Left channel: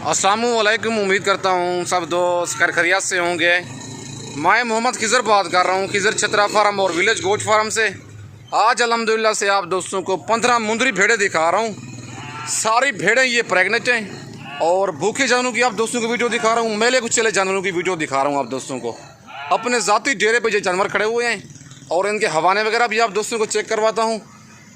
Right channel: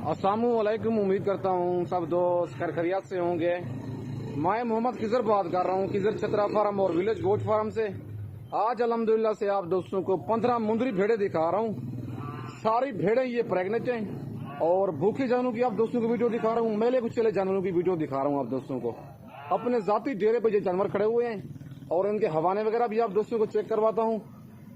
अस्सलामुअलैकुम। उम्मीद करता हूँ सब दोस्त खैरियत से होंगे। मैं मोहम्मद खिज़र बात कर रहा हूँ, खिज़र छतरा फार्म और विलेज गोट फार्म से। आज अल्हम्दुलिल्लाह से आप दोस्तों को 15 मुंदरी भेड़ें दिखा रहा हूँ। सारी भेड़ें ये प्रेग्नेंट हैं और भूखे जानवरों की आप दोस्तों को वीडियो दिखा रहा हूँ। मेले कुछ चले जानवरों की वीडियो दिखा रहा हूँ आप दोस्तों को। अपने ज़ाती डेरे पर ये जानवर खड़े हुए हैं और इनके हवाने वगैरह भी आप दोस्तों को चेक करवाता हूँ।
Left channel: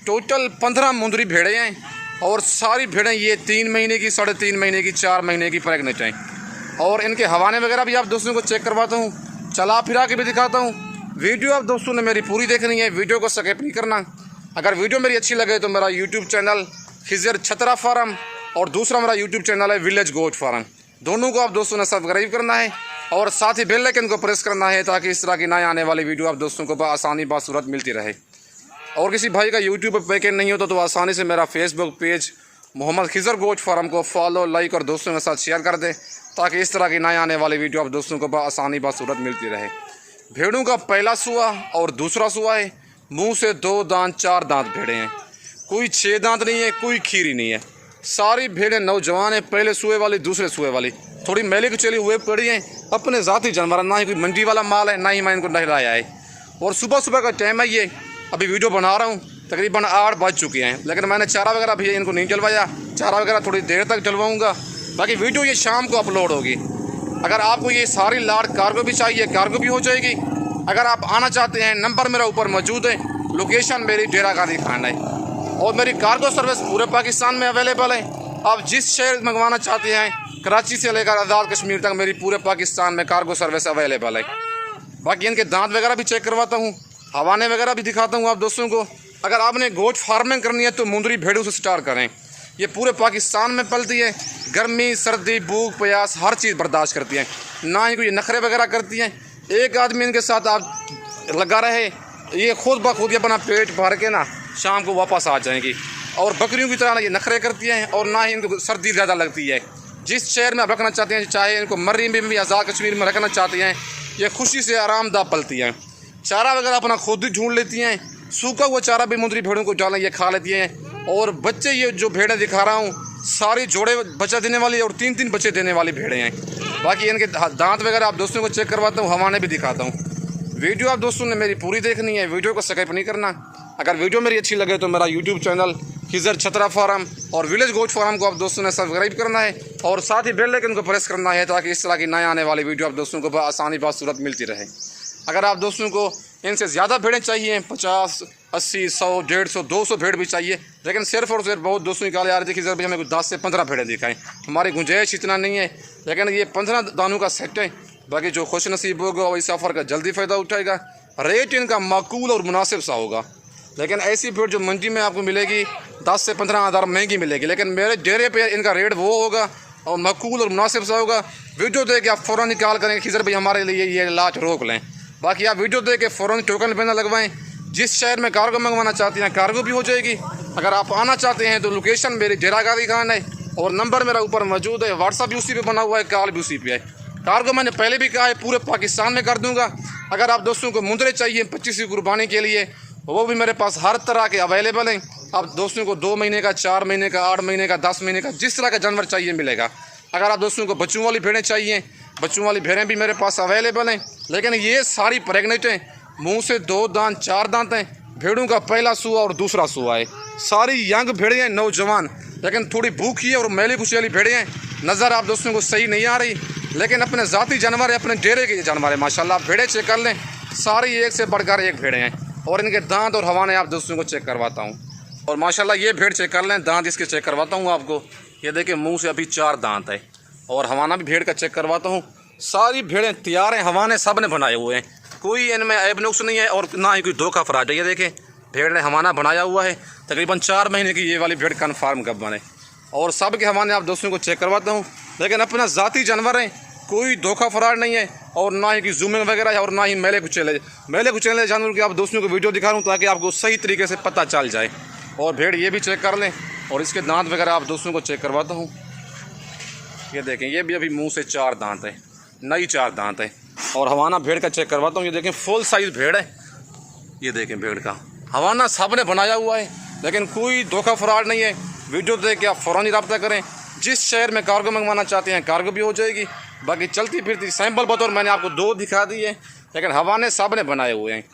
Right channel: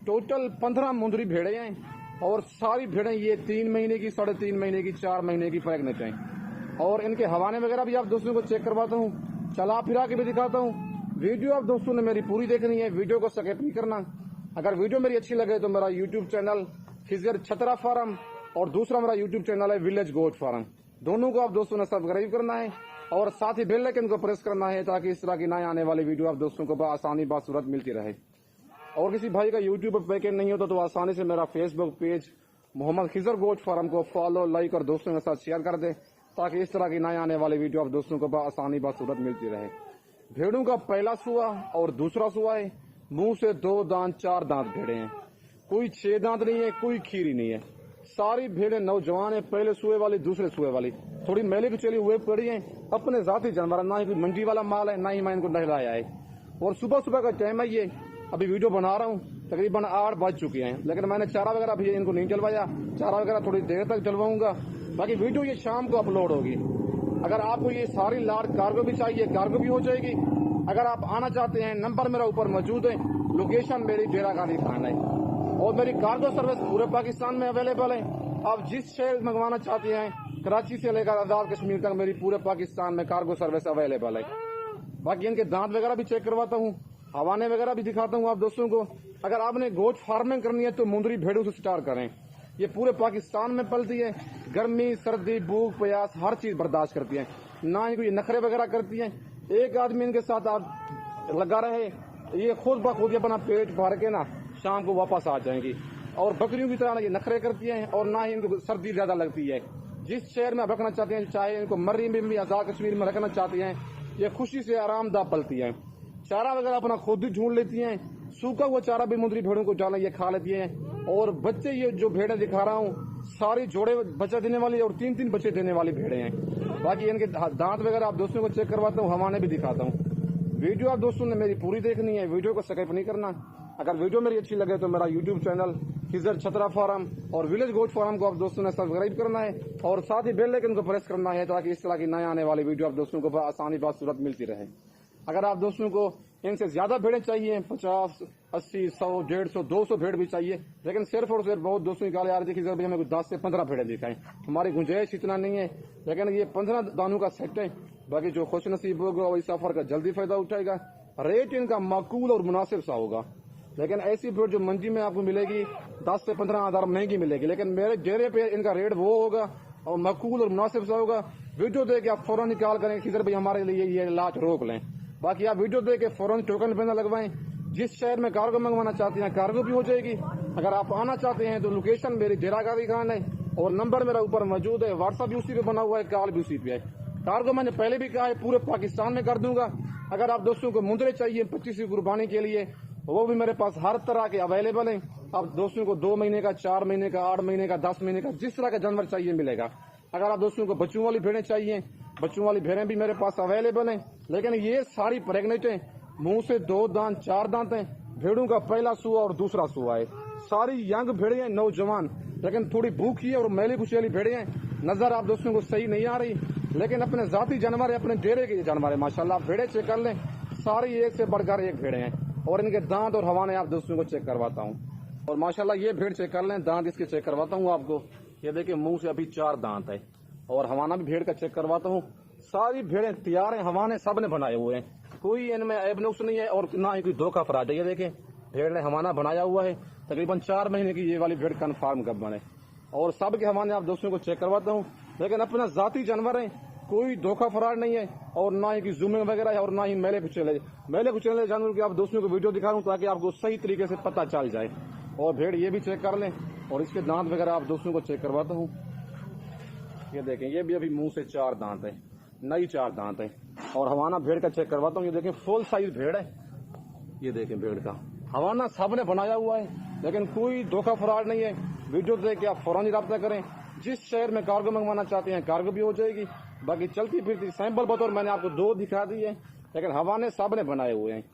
टोटल 15 मुंदरी भेड़ें हैं और सारी भेड़ें ये 3 महीने की, 3.5 महीने की, 4 महीने की प्रेग्नेंट हैं और इनके हवाने वगैरह भी आप दोस्तों को चेक करवाता हूँ, चला फिरा के भी दिखाता हूँ। वीडियो आप दोस्तों ने मेरी पूरी देखनी है, वीडियो को स्किप नहीं करना। अगर वीडियो मेरी अच्छी लगे तो मेरा यूट्यूब चैनल खिज़र छतरा फार्म और दूसरा मेरा यूट्यूब चैनल है विलेज गोट फार्म, दोनों को आप दोस्तों ने सब्सक्राइब करना है और साथ ही बेल आइकन को प्रेस करना है ताकि इस तरह की नए आने वाली वीडियो आप दोस्तों को आसानी बासूरत मिलती रहे। और किसी भाई का यूट्यूब पर पैकेज नहीं होता तो आसानी से मेरा Facebook page Mohammad Khizar goat farm को फॉलो, लाइक और दोस्तों के साथ शेयर कर दें ताकि इस तरह की नए आने वाली वीडियो आप दोस्तों को आसानी बासूरत मिलती रहे। भेड़ों का पहला सुआ और दूसरा सुआ है। मुंह से 2 दांत 4 दांत भेड़े हैं, कोई 6 दांत नहीं है, कोई खीरी नहीं है। सारी भेड़ें नौजवान है, पहले सुए वाली, दूसरे सुए वाली, थोड़ी मैले कुचली हुए पड़ी हैं। अपने ज़ाती जानवर, ना ही कोई मंडी वाला माल है, ना ही मैं इनको नहलाया है। और सुबह सुबह का टाइम है, ये अभी वीडियो बना रहा हूँ, तकरीबन 8 बज चुके हैं, लेकिन मैंने चारा वगैरह भी इनको नहीं डलवाया। चारा वगैरह थोड़ी देर तक डलवाऊँगा, बाकी वीडियो ये शाम को अपलोड होगी। अगर आपको ये सारी लाट कार्गो भी चाहिए, कार्गो भी हो जाएगी। अगर आप आना चाहते हैं, नंबर मेरा ऊपर मौजूद है, लोकेशन मेरी डेरा गांधी खान है और मेरी कार्गो सर्विस पूरे पाकिस्तान में अवेलेबल है। आप जिस शहर मंगवाना चाहते हैं, कराची से लेकर आज़ाद कश्मीर तक मेरी पूरे पाकिस्तान में कार्गो सर्विस अवेलेबल है। बाकी इनके दांत वगैरह भी चेक करवाता हूँ, हवाने वगैरह भी दिखाता हूँ आप दोस्तों को। अगर आपने गोट फार्मिंग करनी है तो मुंदरी भेड़ों से स्टार्ट करें। ये पूरे पाकिस्तान में पलती है, गर्मी, सर्दी, भूख, प्यास हर चीज़ बर्दाश्त करती है, ना ही कोई नखरे वगैरह करती हैं। एक आदमी इनके साथ आप लगा रहे, ये खुद ब खुद अपना पेट भर के ना शाम को वापस आ जाएंगी। और बकरियों की तरह ये नखरे करती हैं और ना ही इनको सर्दी ज़्यादा लगती है। जिस शहर में आप रखना चाहते हैं, चाहे इनको मर्री में भी, आज़ाद कश्मीर में रखना चाहते हैं, ये खुशी से आरामदा पलती हैं। चारा वगैरह अपना खुद ही ढूंढ लेती हैं, सूखा हुआ चारा भी मुंदरी भेड़ों को डालें, ये खा लेती हैं। और बच्चे ये जो भेड़ें दिखा रहा हूँ सारी जोड़े बच्चा देने वाली और 3-3 बच्चे देने वाली भेड़ें हैं। बाकी इनके दांत वगैरह आप दोस्तों को चेक करवाता हूँ, हवाने भी दिखाता हूँ। वीडियो आप दोस्तों ने मेरी पूरी देखनी है, वीडियो को स्किप नहीं करना। अगर वीडियो मेरी अच्छी लगे तो मेरा यूट्यूब चैनल खिज़र छतरा फार्म और विलेज गोट फार्म को आप दोस्तों ने सब्सक्राइब करना है और साथ ही बेल आइकन को प्रेस करना है ताकि इस तरह की नए आने वाली वीडियो आप दोस्तों को आसानी बासूरत मिलती रहे। अगर आप दोस्तों को इनसे ज़्यादा भेड़ें चाहिए, 50, 80, 100, 150, 200 भेड़ भी चाहिए, लेकिन सिर्फ और सिर्फ बहुत दोस्तों निकाले आ रहे थे कि सर भाई हमें 10 से 15 भेड़ें दिखाएं, हमारी गुंजाइश इतना नहीं है। लेकिन ये 15 दानों का सेट है। बाकी जो खुश नसीब होगा वही सफ़र का जल्दी फ़ायदा उठाएगा। रेट इनका माकूल और मुनासिब सा होगा। लेकिन ऐसी भेड़ जो मंडी में आपको मिलेगी 10 से 15 हज़ार महंगी मिलेगी, लेकिन मेरे डेरे पे इनका रेट वो होगा और माकूल और मुनासिब सा होगा। वीडियो देख के आप फ़ौरन निकाल करेंगे खिज़र भाई हमारे लिए ये लाट रोक लें। बाकी आप वीडियो देख के फ़ौरन टोकन पे ना लगवाएं। जिस शहर में कार्गो मंगवाना चाहते हैं कार्गो भी हो जाएगी। अगर आप आना चाहते हैं तो लोकेशन मेरी डेरा गांधी खान है और नंबर मेरा ऊपर मौजूद है, व्हाट्सअप भी उसी पे बना हुआ है, कॉल भी उसी पे है। कार्गो मैंने पहले भी कहा है पूरे पाकिस्तान में कर दूंगा। अगर आप दोस्तों को मुंदरे चाहिए 25 की कुर्बानी के लिए, वो भी मेरे पास हर तरह के अवेलेबल हैं। आप दोस्तों को 2 महीने का, 4 महीने का, 8 महीने का, 10 महीने का, जिस तरह का जानवर चाहिए मिलेगा। अगर आप दोस्तों को बच्चों वाली भेड़ें चाहिए, बच्चों वाली भेड़ें भी मेरे पास अवेलेबल हैं, लेकिन ये सारी प्रेग्नेंट हैं। मुंह से 2 दांत 4 दांत हैं। भेड़ों का पहला सुआ और दूसरा सुआ है। सारी यंग भेड़ें हैं, नौजवान, लेकिन थोड़ी भूखी है और मैले कुचली भेड़ें हैं। नज़र आप दोस्तों को सही नहीं आ रही, लेकिन अपने ज़ाती जानवर है, अपने डेरे के जानवर है। माशाल्लाह आप भेड़ें चेक कर लें, सारी एक से बढ़कर एक भेड़ें हैं और इनके दांत और हवाने आप दोस्तों को चेक करवाता हूँ। और माशाल्लाह ये भेड़ चेक कर लें, दांत इसके चेक करवाता हूँ आपको। ये देखिए मुँह से अभी 4 दांत है और हवाना भी भेड़ का चेक करवाता हूँ। सारी भेड़ें तैयार हैं, हवाने सब ने बनाए हुए हैं, कोई इनमें ऐब नुक्स नहीं है और ना ही कोई धोखा फराज है। ये देखें भेड़ ने हवाना बनाया हुआ है, तकरीबन 4 महीने की ये वाली भेड़ कन्फर्म कब बने और सब के हवाने आप दोस्तों को चेक करवाता हूँ। लेकिन अपना ज़ाती जानवर है, कोई धोखा फराज नहीं है और ना ही कोई जूमिंग वगैरह है और ना ही मैले कुचले जानवर के आप दोस्तों को वीडियो दिखा रहा हूँ ताकि आपको सही तरीके से पता चल जाए। और भेड़ ये भी चेक कर लें और इसके दांत वगैरह आप दोस्तों को चेक करवाता हूँ। ये देखें ये भी अभी मुंह से 4 दांत है, नई 4 दांत है। और हवाना भेड़ का चेक करवाता हूँ। ये देखें फुल साइज़ भेड़ है, ये देखें भेड़ का हवाना सब ने बनाया हुआ है, लेकिन कोई धोखा फराड नहीं है। वीडियो देख के आप फ़ौरन ही रब्ता करें। जिस शहर में कार्गो मंगवाना चाहते हैं कार्गो भी हो जाएगी। बाकी चलती फिरती सैंपल बतौर मैंने आपको 2 दिखा दिए, लेकिन हवाने सब ने बनाए हुए हैं।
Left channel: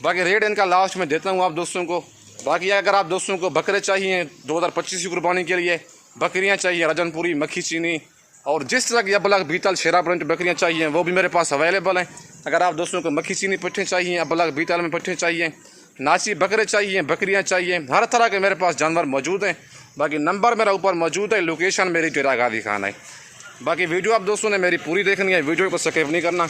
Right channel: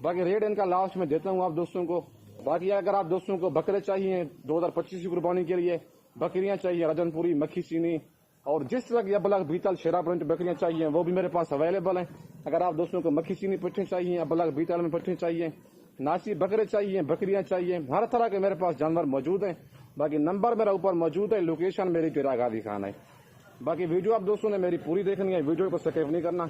बाकी रेट इनका लास्ट में देता हूँ आप दोस्तों को। बाकी अगर आप दोस्तों को बकरे चाहिए 2025 की कुर्बानी के लिए, बकरियाँ चाहिए रजनपुरी, मक्खी चीनी और जिस तरह की अबलग बीतल शेरा प्रिंट बकरियाँ चाहिए वो भी मेरे पास अवेलेबल हैं। अगर आप दोस्तों को मक्खी चीनी पट्ठे चाहिए, अबलग बीतल में पट्ठे चाहिए, नाची बकरे चाहिए, बकरियाँ चाहिए, हर तरह के मेरे पास जानवर मौजूद हैं। बाकी नंबर मेरा ऊपर मौजूद है, लोकेशन मेरी टेरा गादी खान है। बाकी वीडियो आप दोस्तों ने मेरी पूरी देखनी है, वीडियो को स्किप नहीं करना।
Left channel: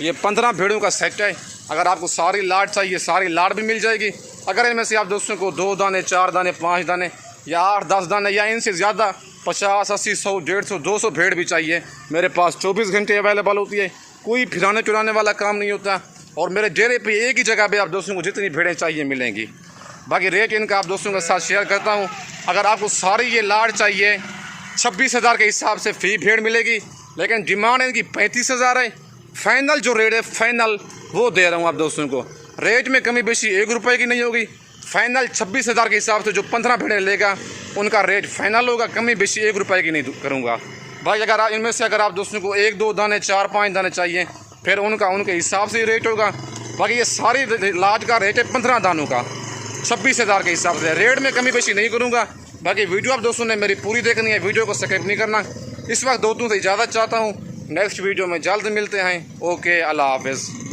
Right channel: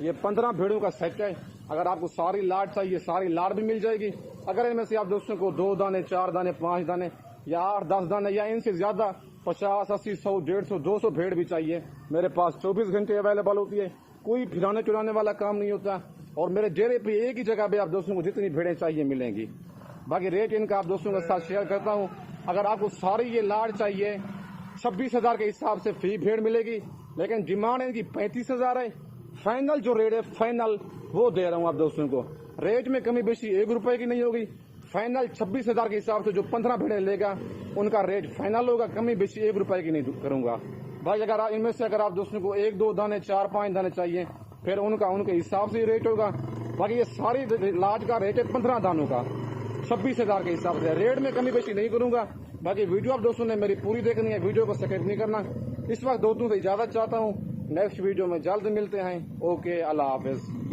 ये 15 भेड़ों का सेट है। अगर आपको सारी लाट चाहिए सारी लाट भी मिल जाएगी। अगर इनमें से आप दोस्तों को 2 दाने, 4 दाने, 5 दाने या 8-10 दाने या इनसे ज़्यादा 50, 80, 100, 150, 200 भेड़ भी चाहिए, मेरे पास 24 घंटे अवेलेबल होती है। कोई फिराने चुराने वाला काम नहीं होता और मेरे डेरे पे एक ही जगह पे आप दोस्तों को जितनी भेड़ें चाहिए मिलेंगी। बाकी रेट इनका आप दोस्तों के साथ शेयर करता हूँ। अगर आपको सारी ये लाट चाहिए 26,000 के हिसाब से फी भेड़ मिलेगी, लेकिन डिमांड इनकी 35,000 है। फाइनल जो रेट है फाइनल वो दे रहा हूँ आप दोस्तों को। रेट में कमी बेशी 1 रुपये की नहीं होगी। फाइनल 26,000 के हिसाब से जो 15 भेड़ें लेगा उनका रेट फाइनल होगा, कमी बेशी 1 रुपये की नहीं करूँगा। भाई अगर आप इनमें से अगर आप दोस्तों को 1-2 दाने, 4-5 दाने चाहिए फिर उनके हिसाब से रेट होगा। बाकी ये सारी लाट का रेट है 15 दानों का 26,000 के हिसाब से। रेट में कमी बेशी नहीं करूँगा। बाकी वीडियो आप दोस्तों ने मेरी पूरी देखनी है, वीडियो को स्किप नहीं करना। इस वक्त दोस्तों से इजाज़त चाहता हूँ, नेक्स्ट वीडियो में जल्द मिलते हैं। ओके, अल्लाह हाफ़िज़।